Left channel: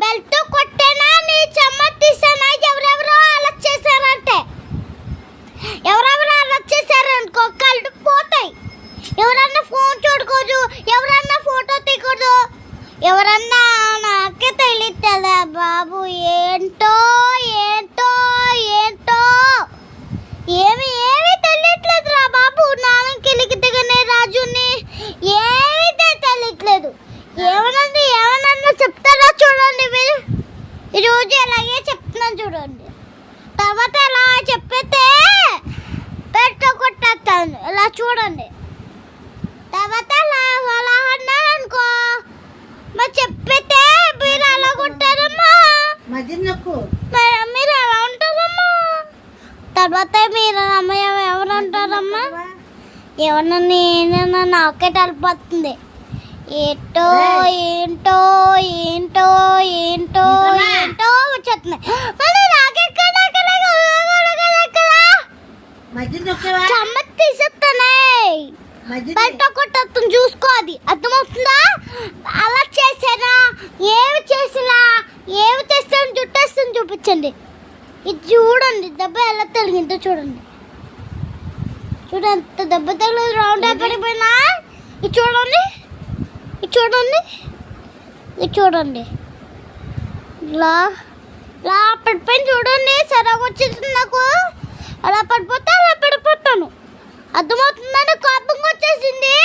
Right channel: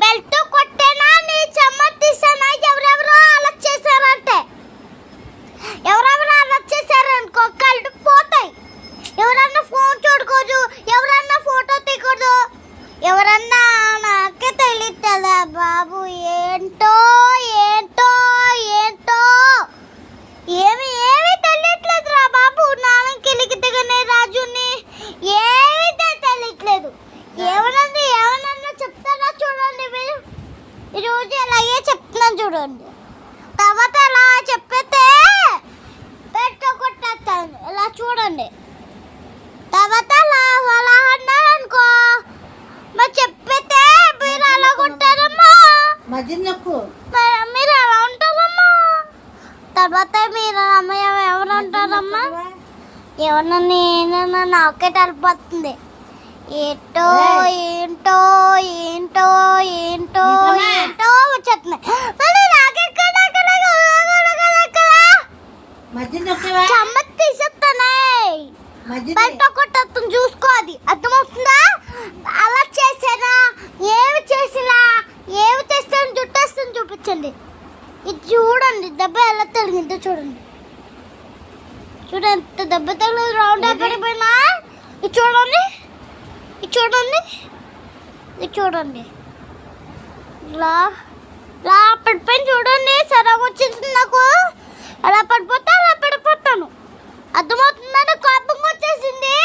Belt కొట్టేనా నీ చెమ్మ తీసేనా ఎవరెవరో అలా చేశారంటే ఎవరెవరో అలా చేశారనుకో కళ్ళు పోతాయి. ఎవరన్నా ఫోన్ చూడకూడదు, ఎవరన్నా ఫోటో తీయకూడదు, ఎవరన్నా నాకే తెలియట్లేదా బాబు. ఏంటో ఏంటో ఏంటో ఏమి ఏమి తెలియట్లేదురా బాబు. నాన్నకి దిగనే రాజుని ఏమీ తెలియట్లేదు. ఏమన్నా చెప్తారా చూడండి మీరు. ఈరోజు అలాగే చెప్తున్నాను చూడండి. తర్వాత అలా చెప్పితే కొట్టేస్తాను ఇలా చూడండి. తర్వాత అలా అన్నారు అనుకో మరి చెప్పితే మీరు అలా కొట్టారమ్మా, మీరు అలా ఉంటారమ్మా. తర్వాత మీరు అమ్మాయి ఎవరు అంటారమ్మా, ఏమన్నా నేనన్నా నాకే తలిపోతుంది. ఏంటో ఏంటో ఏంటో ఏంటో ఏంటో వచ్చేస్తున్నాయి. చెమ్మ తీసేస్తానే బయట కొట్టేస్తుంది చూసుకో. అది అర్థమవుతుందా? అలా చేసారా ఏమి చేసినా ఏమి తెస్తాను జుట్టేస్తుంది చూపించండి. ఇది చూడండి దెబ్బ ఎలా తగిలిందో చూడండి. చూడండి ఎంత దెబ్బ తగిలి రౌండ్ అయిపోయినా. ఇది చూడండి, ఇది చూడండి, ఇది చూడండి. ఇలా ఇలా పడిపోయింది చూడండి. సరగా వచ్చేసింది నాకు. అలా పడిపోతా అలా పడిపోతాను. అర్థమవుతుందండి. కోపంగా వచ్చేసింది.